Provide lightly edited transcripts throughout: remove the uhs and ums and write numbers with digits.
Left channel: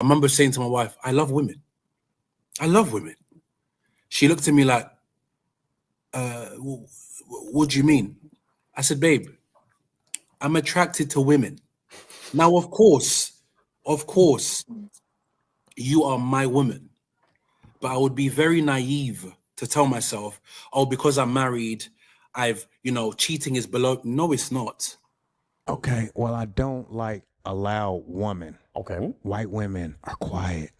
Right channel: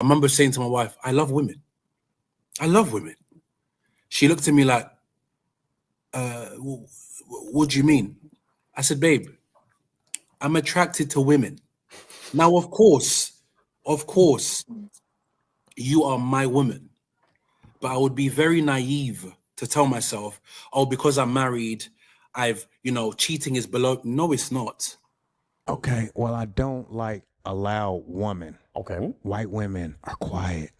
I remember saying to my wife, I love women. I love women. She looked at me like, what do you mean? I said, babe, I'm attracted to women. Now, of course, you are my woman. But I would be very naive to tell myself, oh, because I'm married, cheating is below. No, it's not. Okay, well, I don't like a loud woman. Okay. White women are quiet.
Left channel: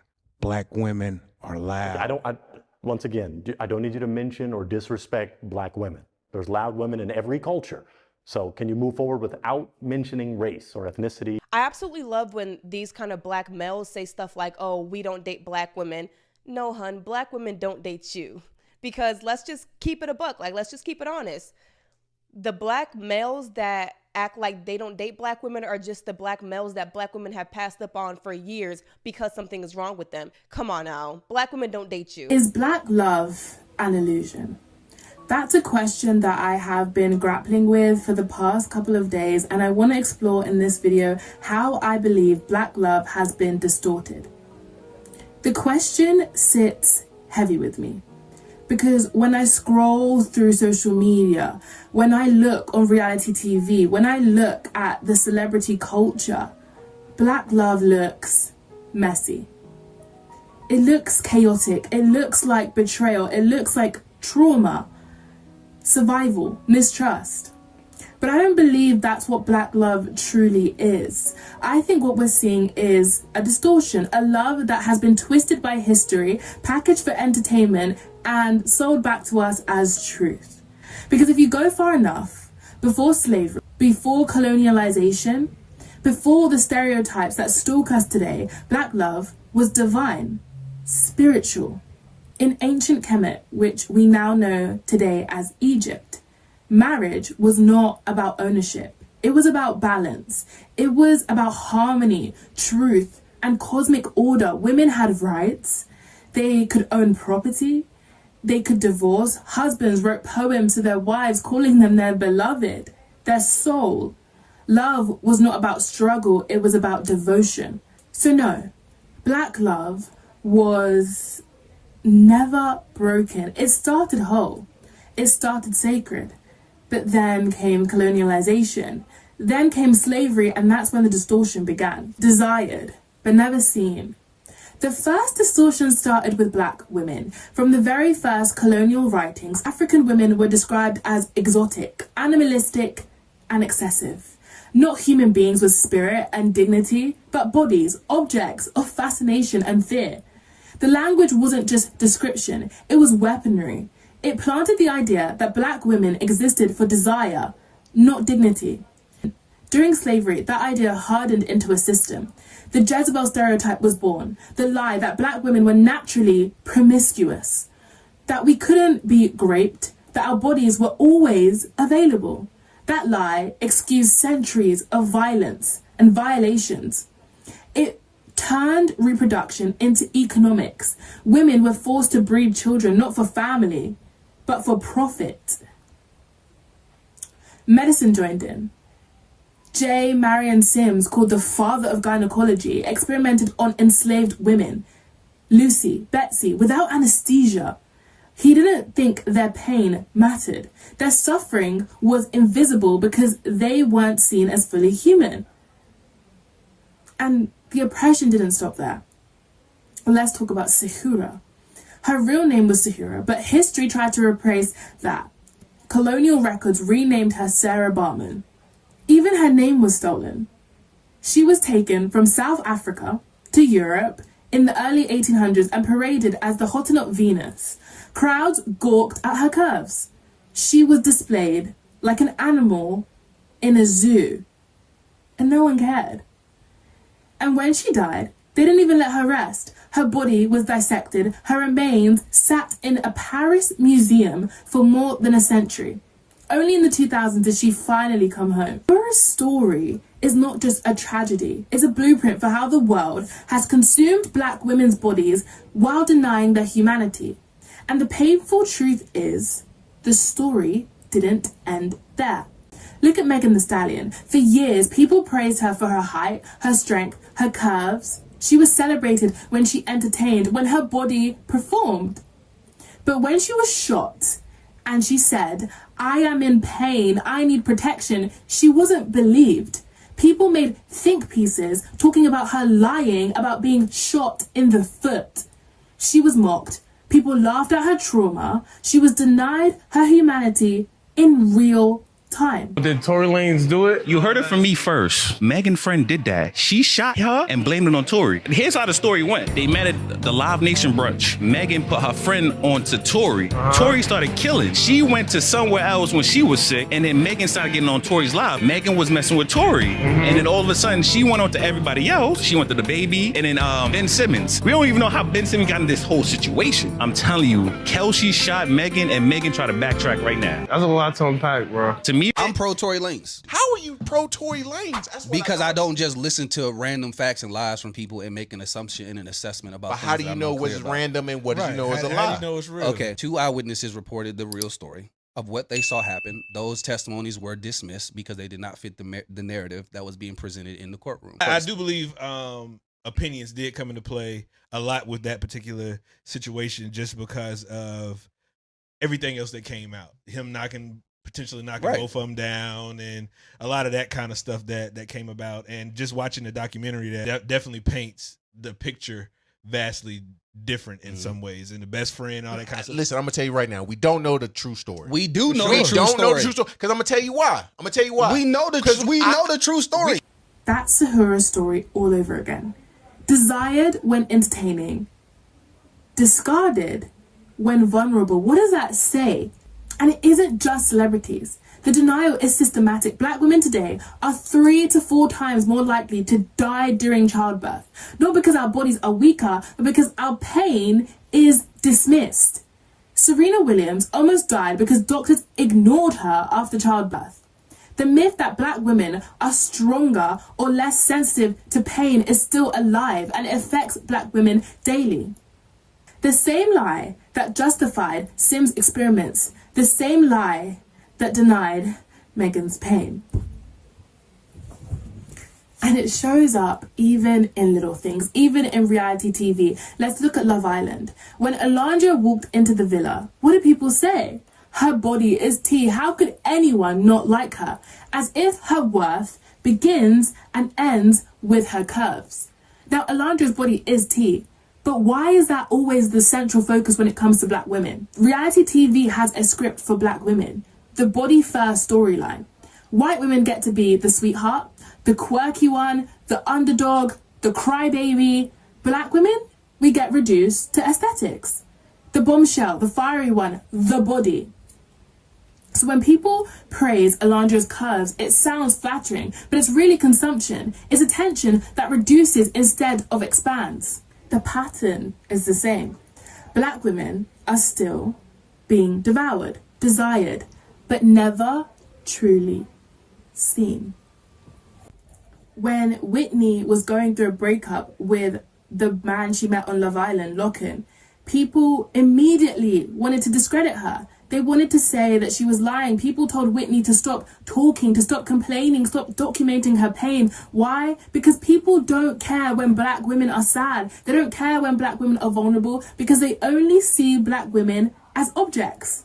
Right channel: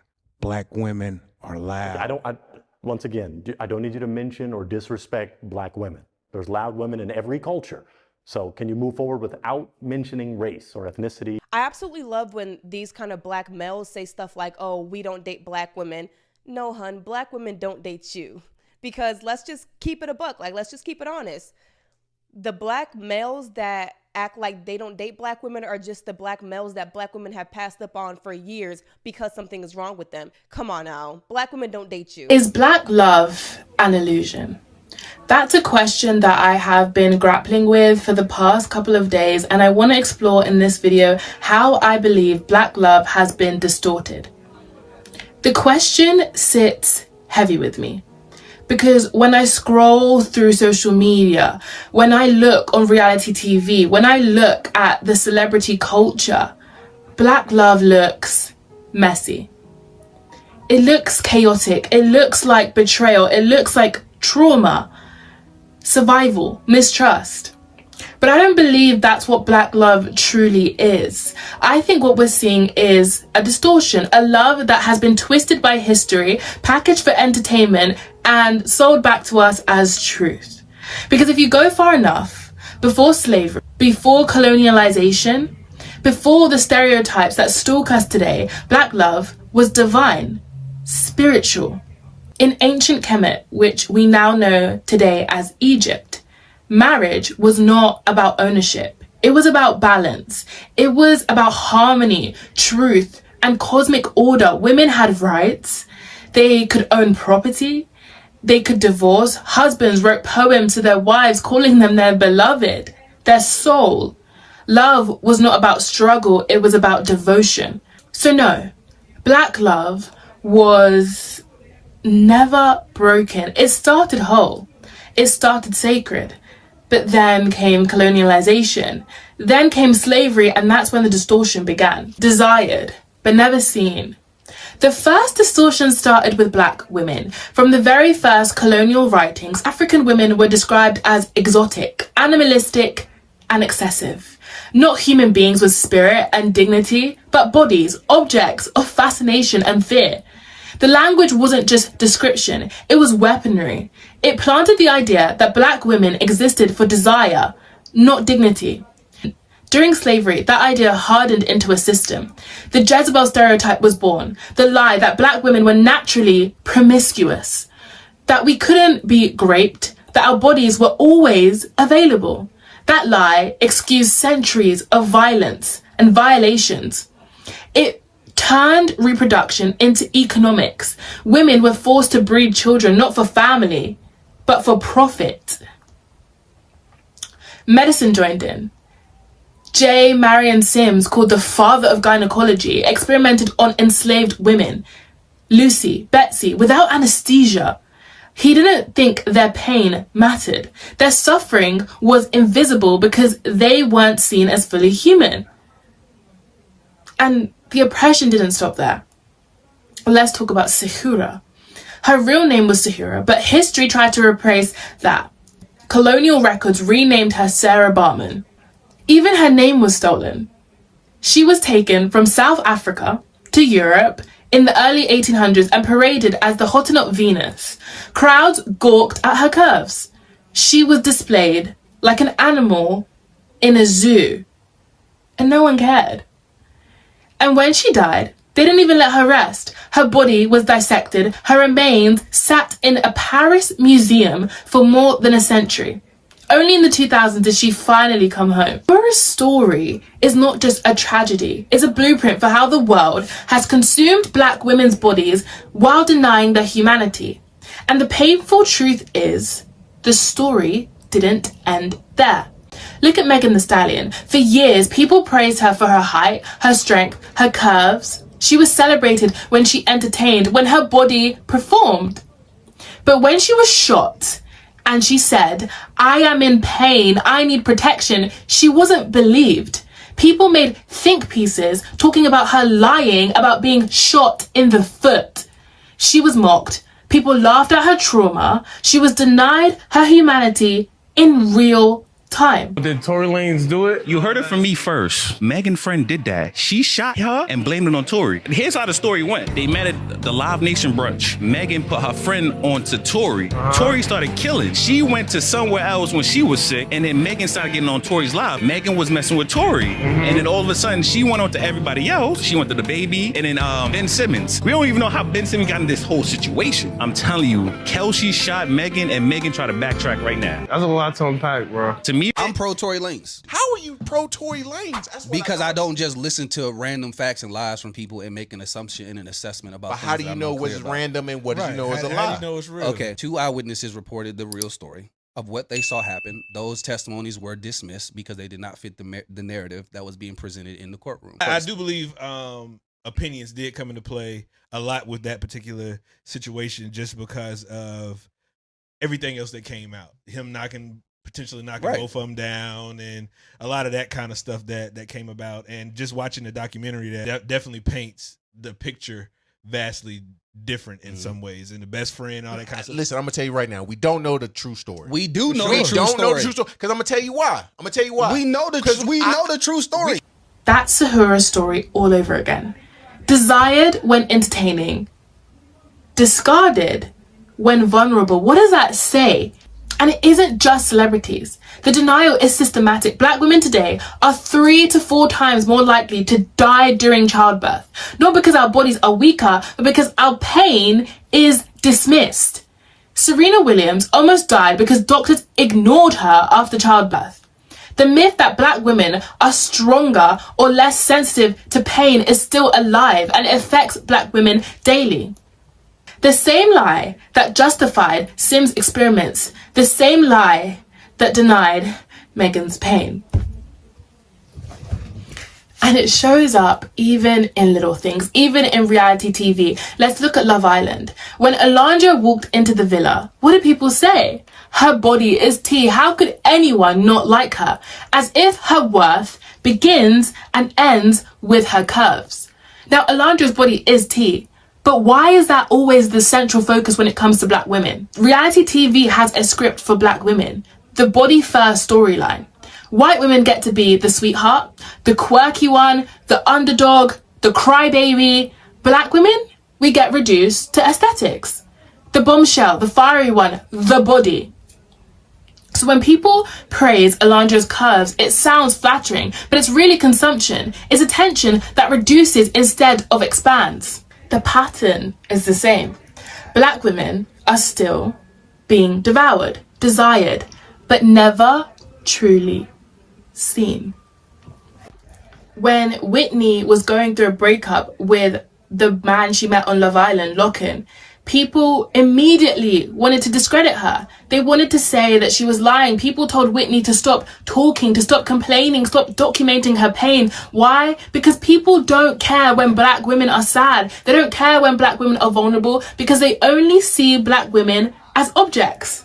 Black women are loud. Once again, I don't need you to mention or disrespect black women. There's loud women in every culture. So can you move forward without mentioning race or ethnicity? I absolutely love when these kind of black males say stuff like, oh, we don't date black women. No, hun, black women don't date you. Because let's just keep it a buck. Like, let's just keep it honest. The black males that act like they don't date black women are just the black males that black women have passed up on for years because something is wrong with them. Come on now. Black women don't date you. Is black love an illusion? That's a question that I have been grappling with for the past couple of days, and I want to explore in this video how I believe black love has been distorted. The question sits heavy with me because when I scroll through social media, when I look on reality TV, when I look at the celebrity culture, black love looks messy. It looks chaotic. It looks like betrayal. It looks like trauma, survival, mistrust. But I don't believe that's what black love truly is. I think what we're seeing is a distortion, a love that has been twisted by history, packaged for entertainment, and sold back to us as truth. Because if you go far enough, before slavery, before colonialization, before the stereotypes that stalk us today, black love was divine, spiritual. In ancient Kemet, which we now know today as Egypt, marriage was not about ownership. It was about balance. It was about harmony, truth, and cosmic order. Women had rights. They could own property. They could divorce. Husbands wrote poems to their wives, calling them their beloved, their soul. Love was not about struggle. It was about devotion. So no, black love was never broken. It started whole. It started sacred. But then came colonialization. Then came slavery, and that's when the distortion began. Desired, but never seen. The first distortion started with black women. From the very first colonial writings, African women were described as exotic, animalistic, and excessive. Not human beings with spirit and dignity, but bodies, objects of fascination and fear. The language wasn't just description, it was weaponry. It planted the idea that black women existed for desire, not dignity. During slavery, that idea hardened into a system. The Jezebel stereotype was born, the lie that black women were naturally promiscuous, that we couldn't be raped, that our bodies were always available. That lie excused centuries of violence and violations. It turned reproduction into economics. Women were forced to breed children not for family, but for profit. Medicine joined in. J. Marion Sims, called the father of gynecology, experimented on enslaved women. Lucy, Betsy, without anesthesia. He didn't think their pain mattered. Their suffering was invisible because they weren't seen as fully human. And the oppression didn't stop there. Let's talk about Sahura. Her real name was Sahura, but history tried to replace that. Colonial records renamed her Sarah Bartman. Even her name was stolen. She was taken from South Africa to Europe in the early 1800s and paraded as the Hottentot Venus. Crowds gawked at her curves. She was displayed like an animal in a zoo, and no one cared. And when she died, they didn't even let her rest. Her body was dissected. Her remains sat in a Paris museum for more than a century. Only in the 2000s did she finally come home. Her story is not just a tragedy. It's a blueprint for how the world has consumed black women's bodies while denying their humanity. And the painful truth is, the story didn't end there. Look at Megan Thee Stallion. For years, people praised her for her height, her strength, her curves, She was celebrated when she entertained, when her body performed. But when she was shot and she said, I am in pain, I need protection, she wasn't believed. People made think pieces talking about her lying about being shot in the foot. She was mocked. People laughed at her trauma. She was denied her humanity in real time. Did Tory Lanez do it? You heard it from me first. Megan's friend did that. She shot her and blamed it on Tory. Here's how the story went. They met at the Live Nation brunch. Megan put her friend onto Tory. Tory started killing. She went to somewhere else when she was sick, and then Megan started getting on Tory's live. Megan was messing with Tory. And then all of a sudden, she went on to everybody else. She went to the baby, and then Ben Simmons. We don't even know how Ben Simmons got in this whole situation. I'm telling you, Kelsey shot Megan, and Megan tried to backtrack right now. That's a lot to unpack, bro. To me, I'm pro Tory Lanez. How are you pro Tory Lanez? That's what Because I don't just listen to random facts and lies from people and make an assumption and an assessment about. But how do you know what's random and what do you know is a lie? How do you know it's real? Okay, 2 eyewitnesses reported the real story of what they saw happen. Those testimonies were dismissed because they did not fit the narrative that was being presented in the courtroom. I do believe opinions did come into play a lot with that particular situation, just because of everything else that came out. Him potentially knocking both of them down, and a lot of that kind of stuff that came about. And just watching the documentary, that definitely paints the picture vastly different in some ways. And the best friend, all that kind of stuff. Listen, I'm gonna tell you right now, we don't know the true story. We do know we the true don't story. know the true story because I'm gonna tell you why. We know the true story. That's Sahura's story all over again. Desired when entertaining, discarded when vulnerable. What does that say? And it isn't just celebrities. The denial is systematic. Black women today are 3 to 4 times more likely to die during childbirth. Not because our bodies are weaker, but because our pain is dismissed. Serena Williams almost died because doctors ignored her after childbirth. The myth that black women are stronger or less sensitive to pain is still alive, and it affects black women daily. The same lie that justified Sim's experiments, the same lie that denied Megan's pain. And it shows up even in little things, even in reality TV. Let's look at Love Island. When Alondra walked into the villa, what did people say? Her body is tea. How could anyone not like her? As if her worth begins and ends with her curves. Now, Alondra's body is tea. But why is that always the central focus when it comes to black women? Reality TV has a script for black women. The body first storyline. White women get to be the sweetheart, the quirky one, the underdog, the crybaby. Black women, we get reduced to aesthetics. The bombshell, the fiery one, the body. So when people praise Alondra's curves, it sounds flattering, but it's really consumption. It's attention that reduces instead of expands. The pattern is the same. Black women are still being devoured, desired, but never truly seen. When Whitney was going through a breakup with the man she met on Love Island, Locken, people immediately wanted to discredit her. They wanted to say that she was lying. People told Whitney to stop talking, to stop complaining, stop documenting her pain. Why? Because people don't care when black women are sad. They don't care when black women are vulnerable because they only see black women as objects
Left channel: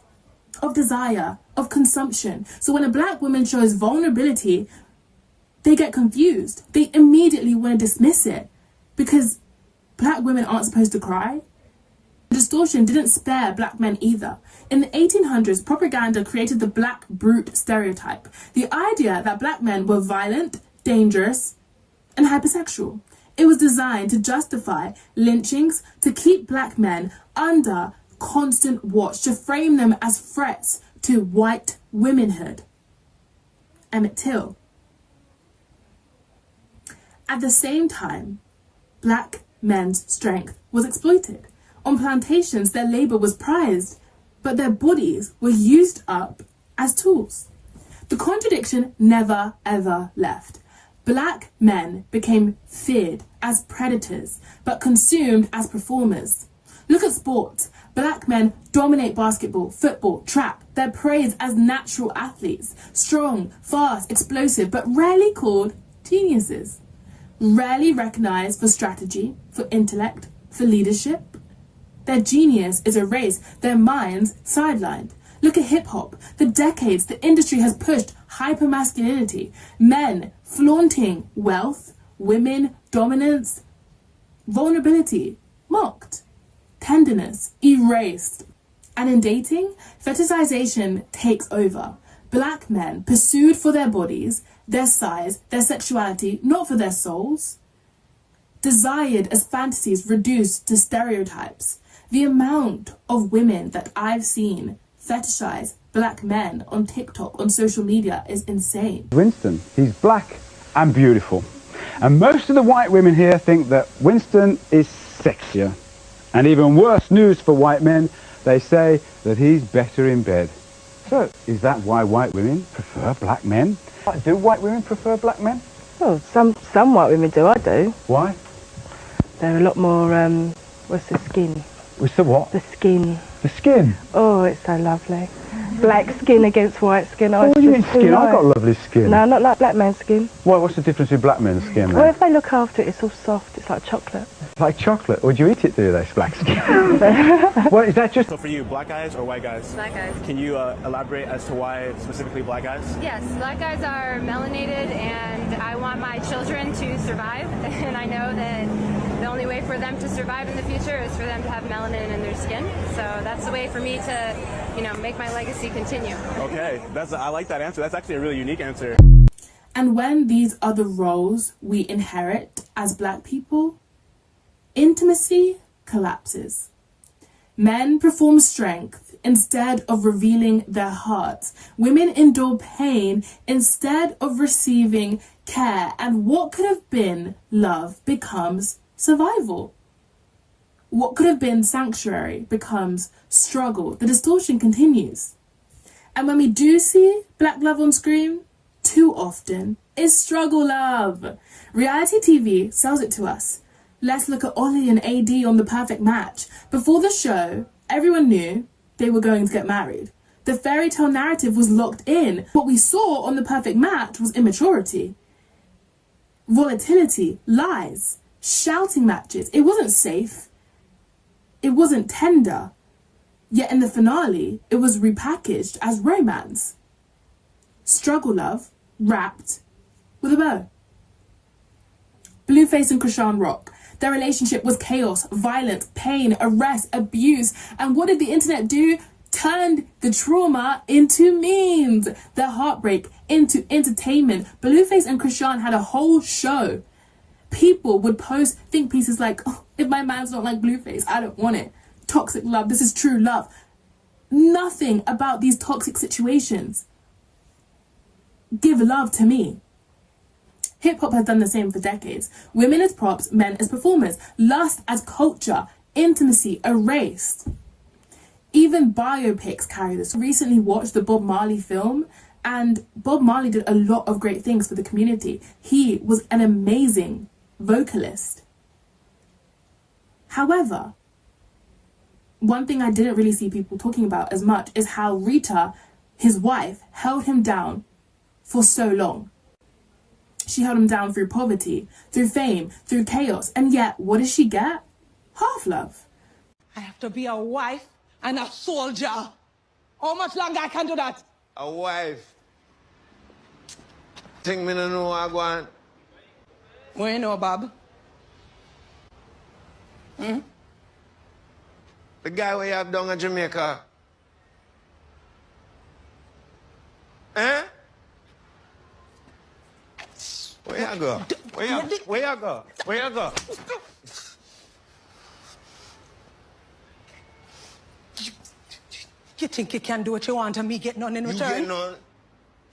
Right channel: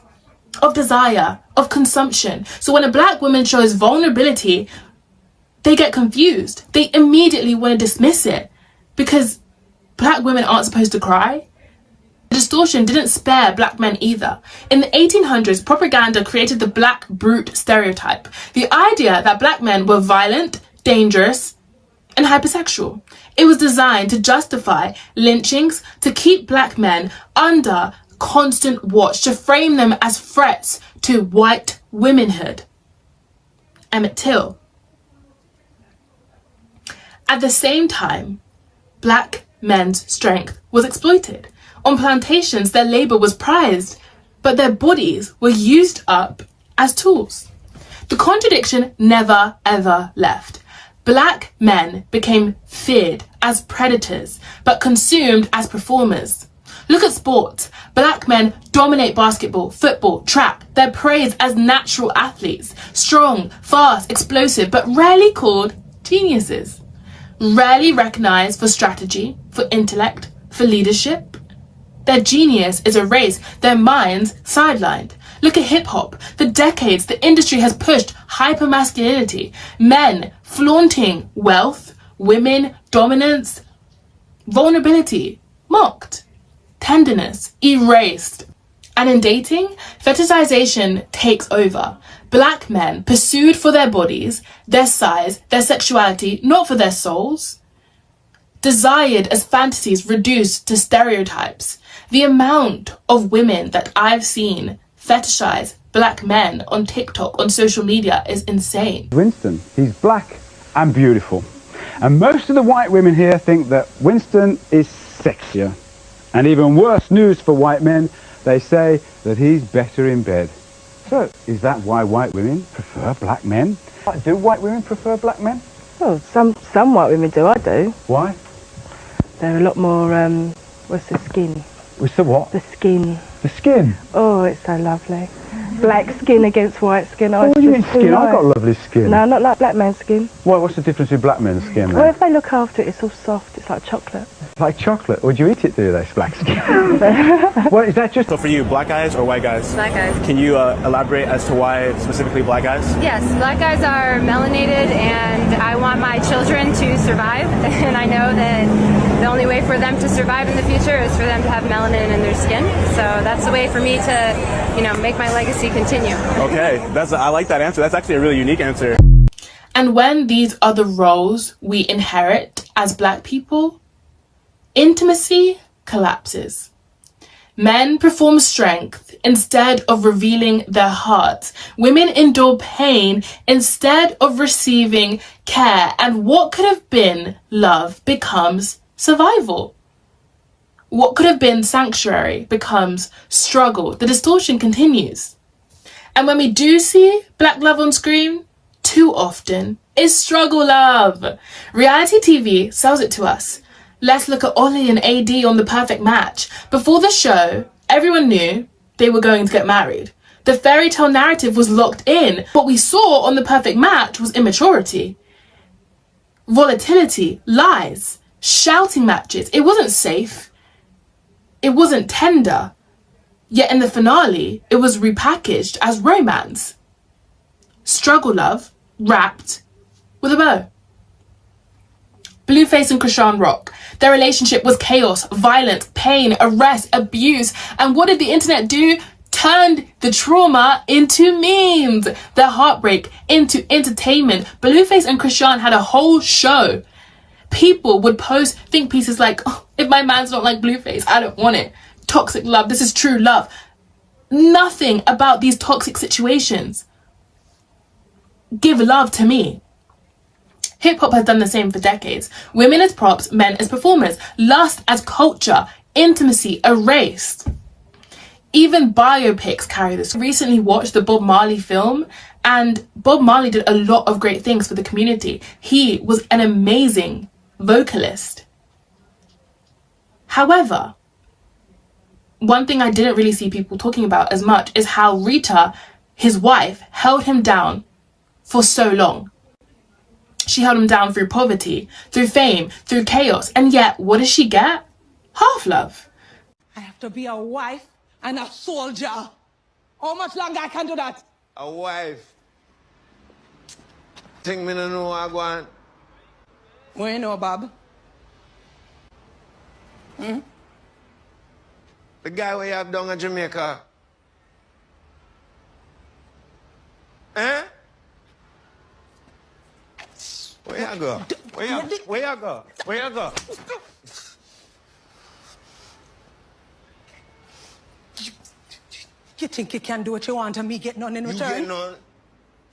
of desire, of consumption. So when a black woman shows vulnerability, they get confused. They immediately want to dismiss it because black women aren't supposed to cry. The distortion didn't spare black men either. In the 1800s, propaganda created the black brute stereotype. The idea that black men were violent, dangerous, and hypersexual. It was designed to justify lynchings, to keep black men under constant watch, to frame them as threats to white womanhood. Emmett Till. At the same time, black men's strength was exploited. On plantations, their labor was prized, but their bodies were used up as tools. The contradiction never, ever left. Black men became feared as predators, but consumed as performers. Look at sports. Black men dominate basketball, football, track. They're praised as natural athletes, strong, fast, explosive, but rarely called geniuses. rarely recognized for strategy, for intellect, for leadership. Their genius is erased, their minds sidelined. Look at hip-hop. For decades, the industry has pushed hypermasculinity, men flaunting wealth, women dominance, vulnerability mocked, tenderness erased. And in dating, fetishization takes over. Black men pursued for their bodies, their size, their sexuality, not for their souls. Desired as fantasies reduced to stereotypes. The amount of women that I've seen fetishize black men on TikTok, on social media is insane. Winston, he's black and beautiful. And most of the white women here think that Winston is sexier. And even worse news for white men, they say that he's better in bed. So, is that why white women prefer black men? Do white women prefer black men? Well, some white women do, I do. Why? They're a lot more, what's the skin? What's the what? The skin. The skin? Oh, it's so lovely. Black skin against white skin. Oh, what do you mean skin? I've got lovely skin. No, not like black man's skin. Why, what's the difference with black men's skin then? Well, if they look after it, it's all soft. It's like chocolate. Like chocolate? Would you eat it, do they, black skin? Well, is that just... So for you, black guys or white guys? Black guys. Can you elaborate as to why specifically black guys? Yes, black guys are melanated, and I want my children to survive, and I know that the only way for them to survive in the future is for them to have melanin in their skin. So that's the way for me to, make my legacy continue. Okay, I like that answer. That's actually a really unique answer. And when these are the roles we inherit as black people, intimacy collapses. Men perform strength instead of revealing their hearts. Women endure pain instead of receiving care. And what could have been love becomes survival. What could have been sanctuary becomes struggle. The distortion continues. And when we do see black love on screen, too often is struggle love. Reality TV sells it to us. Let's look at Ollie and AD on The Perfect Match. Before the show, everyone knew they were going to get married. The fairy tale narrative was locked in. What we saw on The Perfect Match was immaturity, volatility, lies, shouting matches. It wasn't safe. It wasn't tender. Yet in the finale, it was repackaged as romance. Struggle love wrapped with a bow. Blueface and Krishan Rock. Their relationship was chaos, violence, pain, arrest, abuse. And what did the internet do? Turned the trauma into memes. Their heartbreak into entertainment. Blueface and Krishan had a whole show. People would post think pieces like, oh, if my man's not like Blueface, I don't want it. Toxic love, this is true love. Nothing about these toxic situations give love to me. Hip-hop has done the same for decades. Women as props, men as performers. Lust as culture. Intimacy erased. Even biopics carry this. I recently watched the Bob Marley film, and Bob Marley did a lot of great things for the community. He was an amazing vocalist. However, one thing I didn't really see people talking about as much is how Rita, his wife, held him down for so long. She held him down through poverty, through fame, through chaos. And yet, what does she get? Half love. I have to be a wife and a soldier. How much longer I can do that? A wife. Think me no know what I want. What you know, Bob? The guy we have down in Jamaica. Eh? Where you go? Where you go? Where you go? You think you can do what you want and me get none in return? You get none.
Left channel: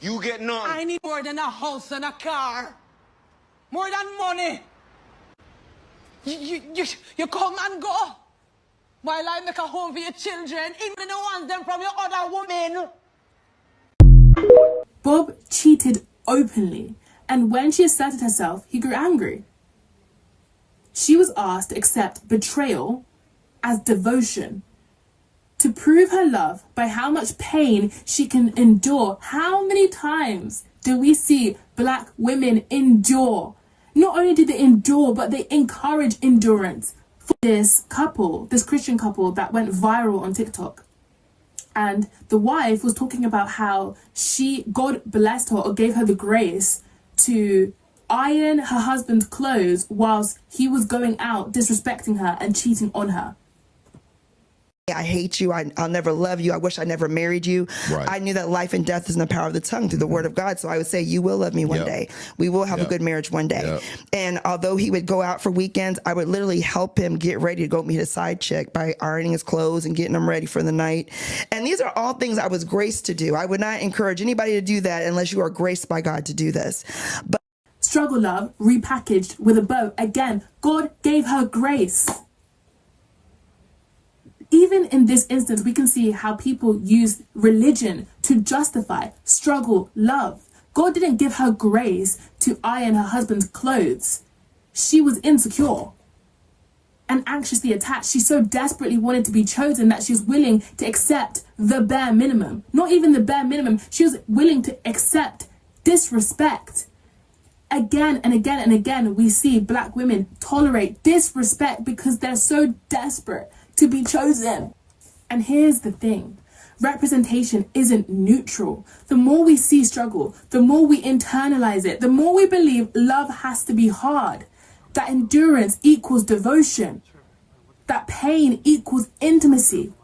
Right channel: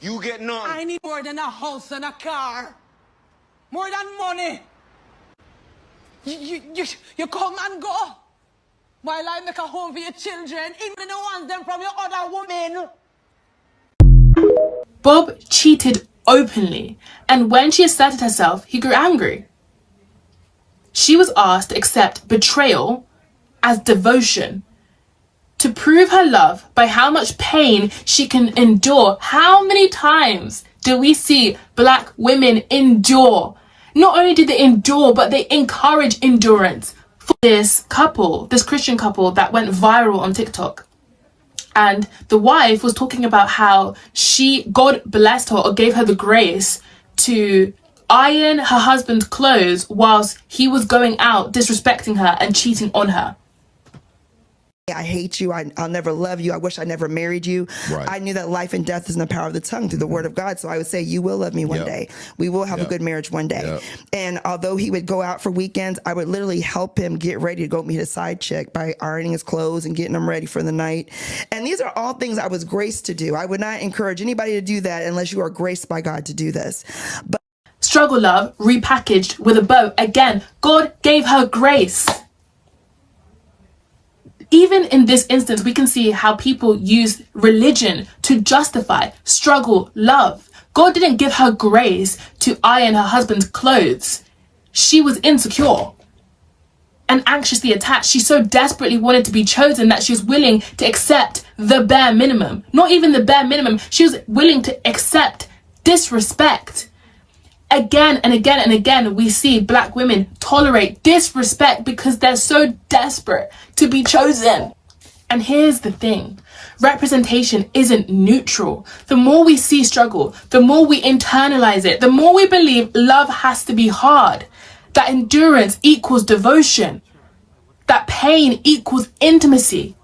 You get none. I need more than a house and a car. More than money. You come and go. While I make a home for your children, even the ones them from your other woman. Bob cheated openly, and when she asserted herself, he grew angry. She was asked to accept betrayal as devotion, to prove her love by how much pain she can endure. How many times do we see black women endure? Not only did they endure, but they encourage endurance. For this couple, this Christian couple that went viral on TikTok. And the wife was talking about how God blessed her or gave her the grace to iron her husband's clothes whilst he was going out disrespecting her and cheating on her. I hate you. I'll never love you. I wish I never married you. Right. I knew that life and death is in the power of the tongue through the word of God. So I would say, you will love me one day. We will have a good marriage one day. And although he would go out for weekends, I would literally help him get ready to go meet a side chick by ironing his clothes and getting him ready for the night. And these are all things I was graced to do. I would not encourage anybody to do that unless you are graced by God to do this. But struggle love repackaged with a bow. Again, God gave her grace. Even in this instance, we can see how people use religion to justify struggle love. God didn't give her grace to iron her husband's clothes. She was insecure and anxiously attached. She so desperately wanted to be chosen that she was willing to accept the bare minimum. Not even the bare minimum. She was willing to accept disrespect. Again and again and again, we see Black women tolerate disrespect because they're so desperate to be chosen. And here's the thing. Representation isn't neutral. The more we see struggle, the more we internalize it, the more we believe love has to be hard, that endurance equals devotion, that pain equals intimacy.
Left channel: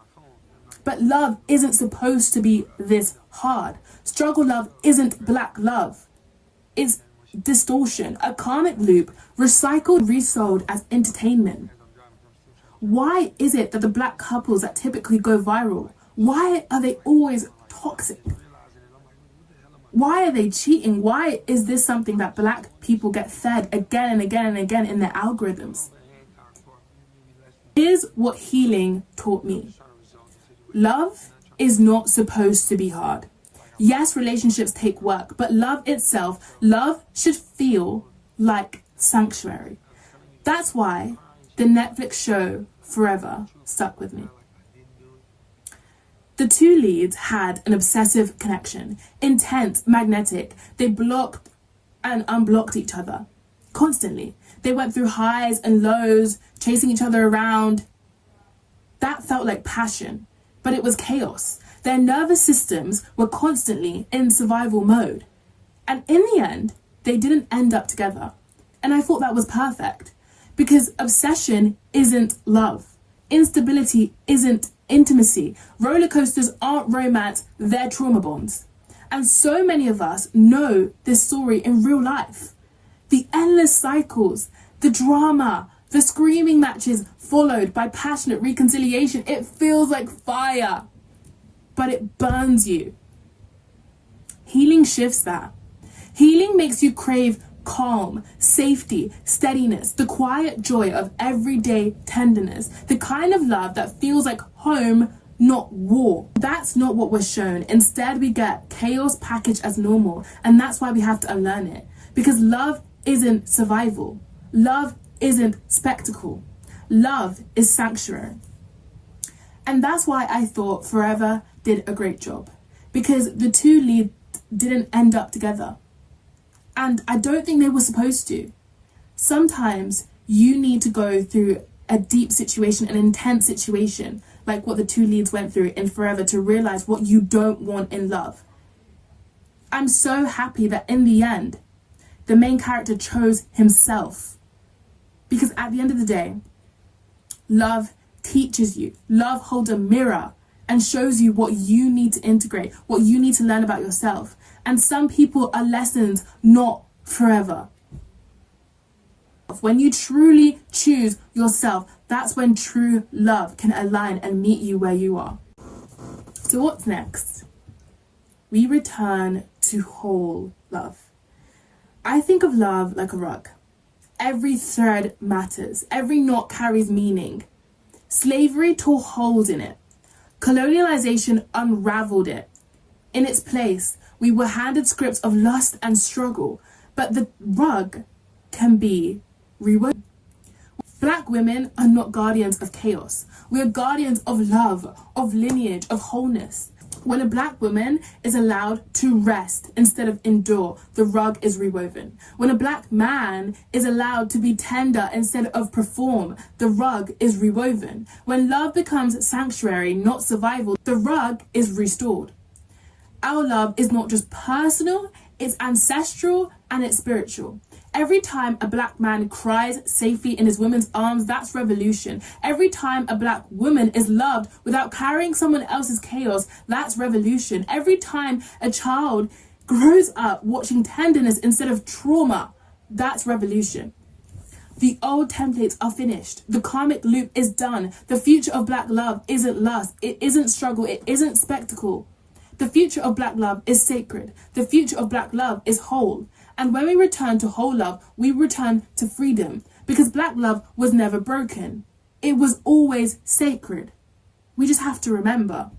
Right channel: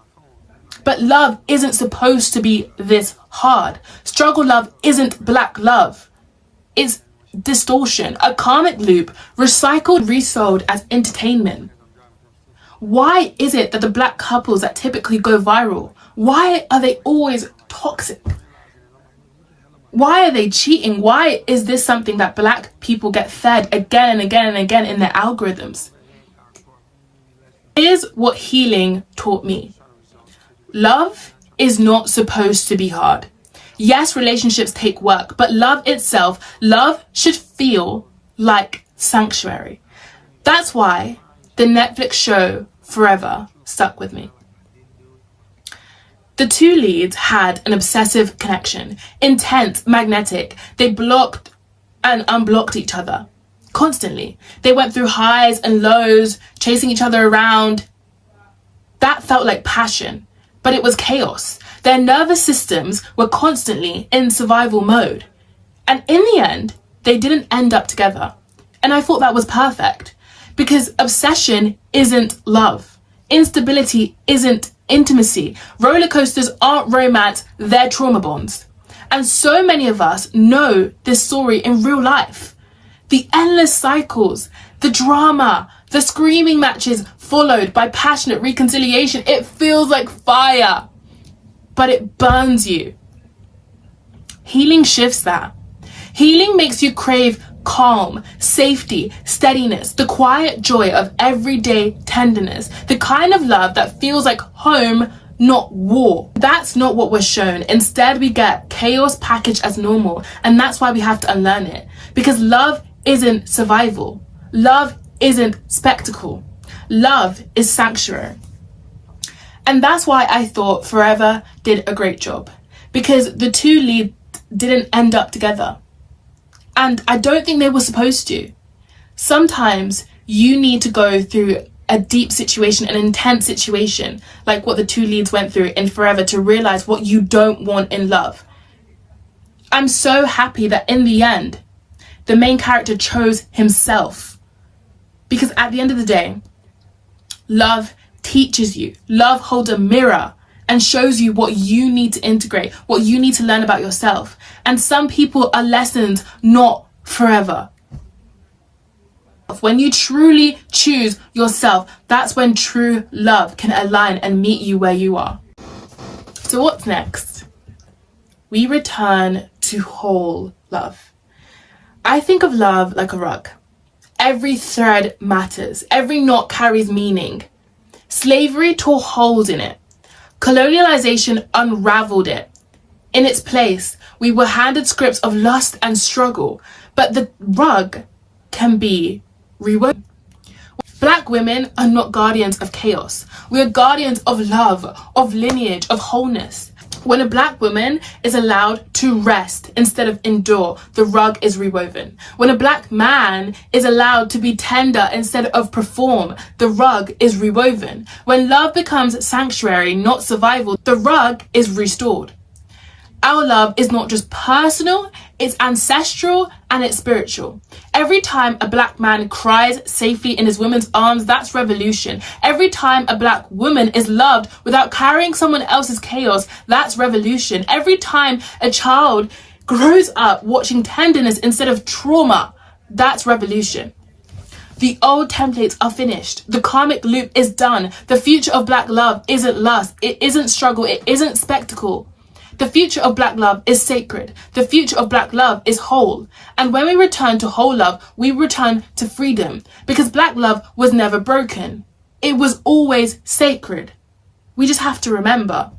But love isn't supposed to be this hard. Struggle love isn't Black love. It's distortion, a karmic loop, recycled, resold as entertainment. Why is it that the Black couples that typically go viral, why are they always toxic? Why are they cheating? Why is this something that Black people get fed again and again and again in their algorithms? Here's what healing taught me. Love is not supposed to be hard. Yes, relationships take work, but love itself, love should feel like sanctuary. That's why the Netflix show Forever stuck with me. The two leads had an obsessive connection, intense, magnetic. They blocked and unblocked each other constantly. They went through highs and lows, chasing each other around. That felt like passion, but it was chaos. Their nervous systems were constantly in survival mode. And in the end, they didn't end up together. And I thought that was perfect because obsession isn't love. Instability isn't intimacy. Roller coasters aren't romance, they're trauma bonds. And so many of us know this story in real life. The endless cycles, the drama, the screaming matches followed by passionate reconciliation. It feels like fire, but it burns you. Healing shifts that. Healing makes you crave calm, safety, steadiness, the quiet joy of everyday tenderness, the kind of love that feels like home, not war. That's not what we're shown. Instead, we get chaos packaged as normal, and that's why we have to unlearn it. Because love isn't survival. Love isn't spectacle. Love is sanctuary. And that's why I thought Forever did a great job, because the two leads didn't end up together. And I don't think they were supposed to. Sometimes you need to go through a deep situation, an intense situation, like what the two leads went through in Forever, to realize what you don't want in love. I'm so happy that in the end, the main character chose himself. Because at the end of the day, love teaches you. Love holds a mirror and shows you what you need to integrate, what you need to learn about yourself. And some people are lessons, not forever. When you truly choose yourself, that's when true love can align and meet you where you are. So what's next? We return to whole love. I think of love like a rug. Every thread matters. Every knot carries meaning. Slavery tore holes in it. Colonialization unraveled it. In its place, we were handed scripts of lust and struggle, but the rug can be rewoven. Black women are not guardians of chaos. We are guardians of love, of lineage, of wholeness. When a black woman is allowed to rest instead of endure, the rug is rewoven. When a black man is allowed to be tender instead of perform, the rug is rewoven. When love becomes sanctuary, not survival, the rug is restored. Our love is not just personal, it's ancestral and it's spiritual. Every time a black man cries safely in his woman's arms, that's revolution. Every time a black woman is loved without carrying someone else's chaos, that's revolution. Every time a child grows up watching tenderness instead of trauma, that's revolution. The old templates are finished. The karmic loop is done. The future of black love isn't lust. It isn't struggle. It isn't spectacle. The future of black love is sacred. The future of black love is whole. And when we return to whole love, we return to freedom. Because black love was never broken. It was always sacred. We just have to remember.